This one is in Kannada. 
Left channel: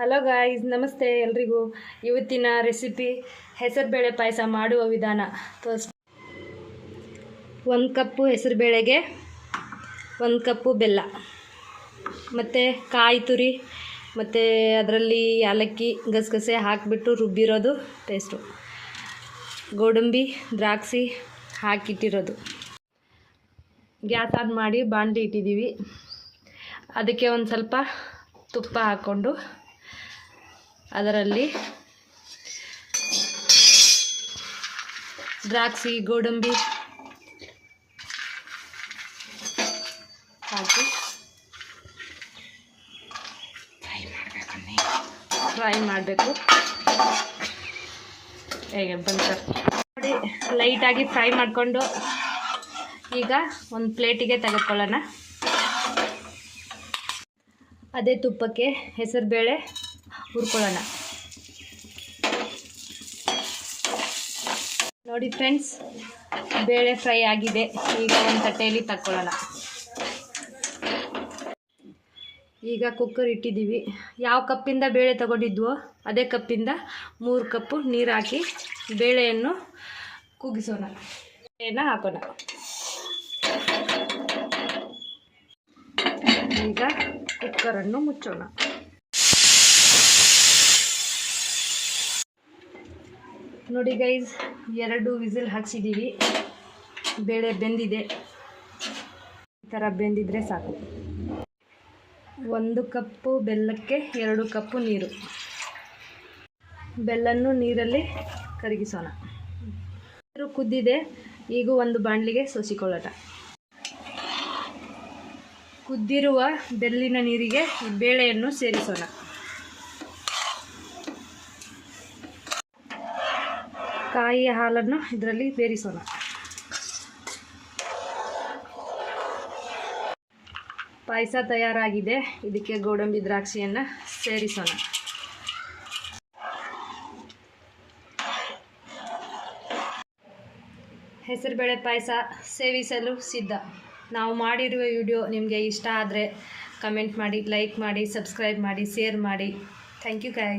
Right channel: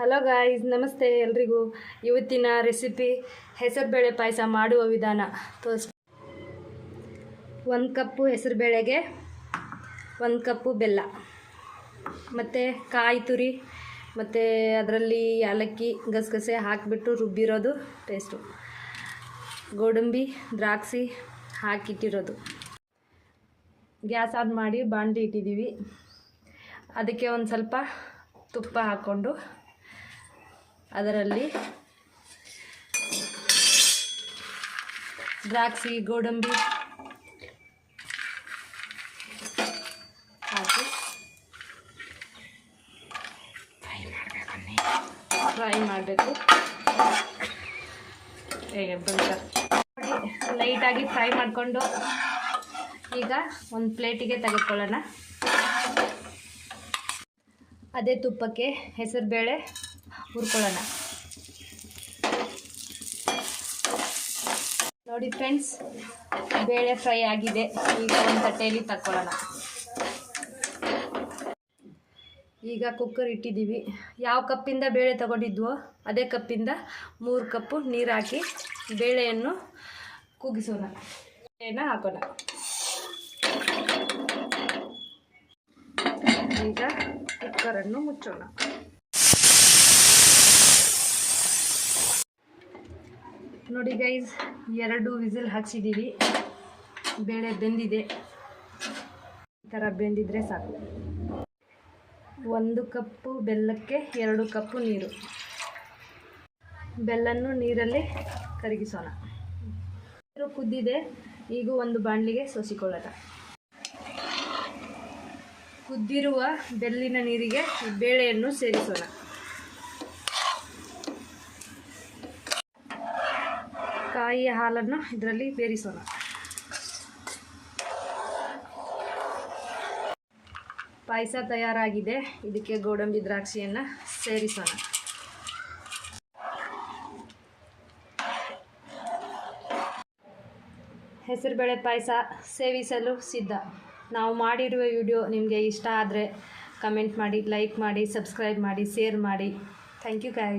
ಹಲೋ ಗಾಯ್ಸ್, ನಮಸ್ತೆ ಎಲ್ರಿಗೂ. ಇವತ್ತಿನ ರೆಸಿಪಿ ಹೆಸರುಬೇಳೆ ಪಾಯಸ ಮಾಡುವ ವಿಧಾನ ತೋರಿಸ್ತೀನಿ. 1 ಕಪ್ಪು ಹೆಸರುಬೇಳೆಗೆ 1 ಕಪ್ಪು ಬೆಲ್ಲ ಮತ್ತು ಕಾಯಿ ತುರಿ ಮತ್ತು ಅದರಲ್ಲಿ ಏಲಕ್ಕಿ ಗಸಗಸೆ ಹಾಕಿಬಿಟ್ಟು ರುಬ್ಬಿರೋದು ಪೇಸ್ಟು, ಗೋಡಂಬಿ ದ್ರಾಕ್ಷಿ ಹಾಕಿಟ್ಟಿರೋದು. ಗ್ಯಾಸ್ ಆನ್ ಮಾಡಿ ಬಾಣಲಿ ಇಟ್ಟಿದ್ದೀವಿ. ಅದಕ್ಕೆ ಒಂದು ಸ್ವಲ್ಪ ತುಪ್ಪ ಹಾಕ್ಕೊಂಡು ಅದರಲ್ಲಿ ದ್ರಾಕ್ಷಿ ಗೋಡಂಬಿ ಹಾಕಿ ಫ್ರೈ ಮಾಡಬೇಕು. ಹೇಗೆ ಬಂತು ನೋಡಿ, ಲೈಟಾಗಿ ಫ್ರೈ ಮಾಡಿಕೊಂಡು ಈಗ ಒಂದು ಪ್ಲೇಟಿಗೆ ತೆಗೆದುಕೊಳ್ಳೋಣ. ಅದೇ ತುಪ್ಪಕ್ಕೆ ಹೆಸರುಬೇಳೆ ಹುರ್ಕೊಳ್ಳೋಣ. ನೋಡಿ ಫ್ರೆಂಡ್ಸ್, ಬೇಳೆ ಫ್ರೈ ಆಗಿದೆ. ಈಗ ಒಂದು ತಟ್ಟೆಯಲ್ಲಿ ತಕ್ಕೊಳ್ಳೋಣ. ಈಗ ಕುಕ್ಕರ್ ಇಟ್ಟಿದ್ದೀವಿ. ಯಾವ ಕಪ್ಪಿಂದ ಬೇಳೆ ತಗೊಂಡಿದ್ವೋ ಅದೇ ಕಪ್ಪಿಂದ 3 ಕಪ್ಪು ನೀರು ಹಾಕಿ ಬೇಳೆಯನ್ನು ಕುಗ್ಗಿಸೋಣ. ಬೇಳೆಯನ್ನು ಹಾಕೋಣ. ಈಗ ಕುಕ್ಕರನ್ನು ಮುಚ್ಚೋಣ. ನೋಡಿ ಗೈಸ್, 2 ವಿಸಿಲ್ ಹಾಕ್ಸಿದ್ದೀವಿ. ಬೇಳೆ ಬೆಂದಿದೆ. ಈ ಥರ ಬೆಂದಿದ್ರೆ ಸಾಕು. 1 ಕಪ್ಪು ಬೆಲ್ಲಕ್ಕೆ 2 ಕಪ್ಪು ನೀರು. ಬೆಲ್ಲನ್ನು ನೀರಲ್ಲಿ ಕರಗಿಸೋಣ. ನೀರು ಕುದ್ದಿದೆ. ಈಗ ಒಂದು ಬಾಣಲಿಗೆ ಸೋಸಿಕೊಳ್ಳೋಣ. ಕುದ್ದಿರುವ ಬೆಲ್ಲಿನ ನೀರಿಗೆ ಬೇಳೆಯನ್ನು ಸೇರಿಸೋಣ. ಕಾಯಿಯ ಹಾಲನ್ನು ಇದರಲ್ಲಿ ಬೇರಿಸೋಣ. ಪಾಯಸ ತಯಾರಾಗಿದೆ. ಇದಕ್ಕೆ ಗೋಡಂಬಿ ದ್ರಾಕ್ಷಿಯನ್ನು ಸೇರಿಸೋಣ. ಹೆಸರುಬೇಳೆ ಪಾಯಸ ಸೇವಿಸಲು ಸಿದ್ಧ. ನಾವು ಮಾಡಿರುವ ವಿಡಿಯೋ ನಿಮಗೆ ಇಷ್ಟ ಆದರೆ ಕಮೆಂಟ್ ಮಾಡಿ, ಲೈಕ್ ಮಾಡಿ, ಸಬ್ಸ್ಕ್ರೈಬ್ ಮಾಡಿ, ಶೇರ್ ಮಾಡಿ. Thank you guys.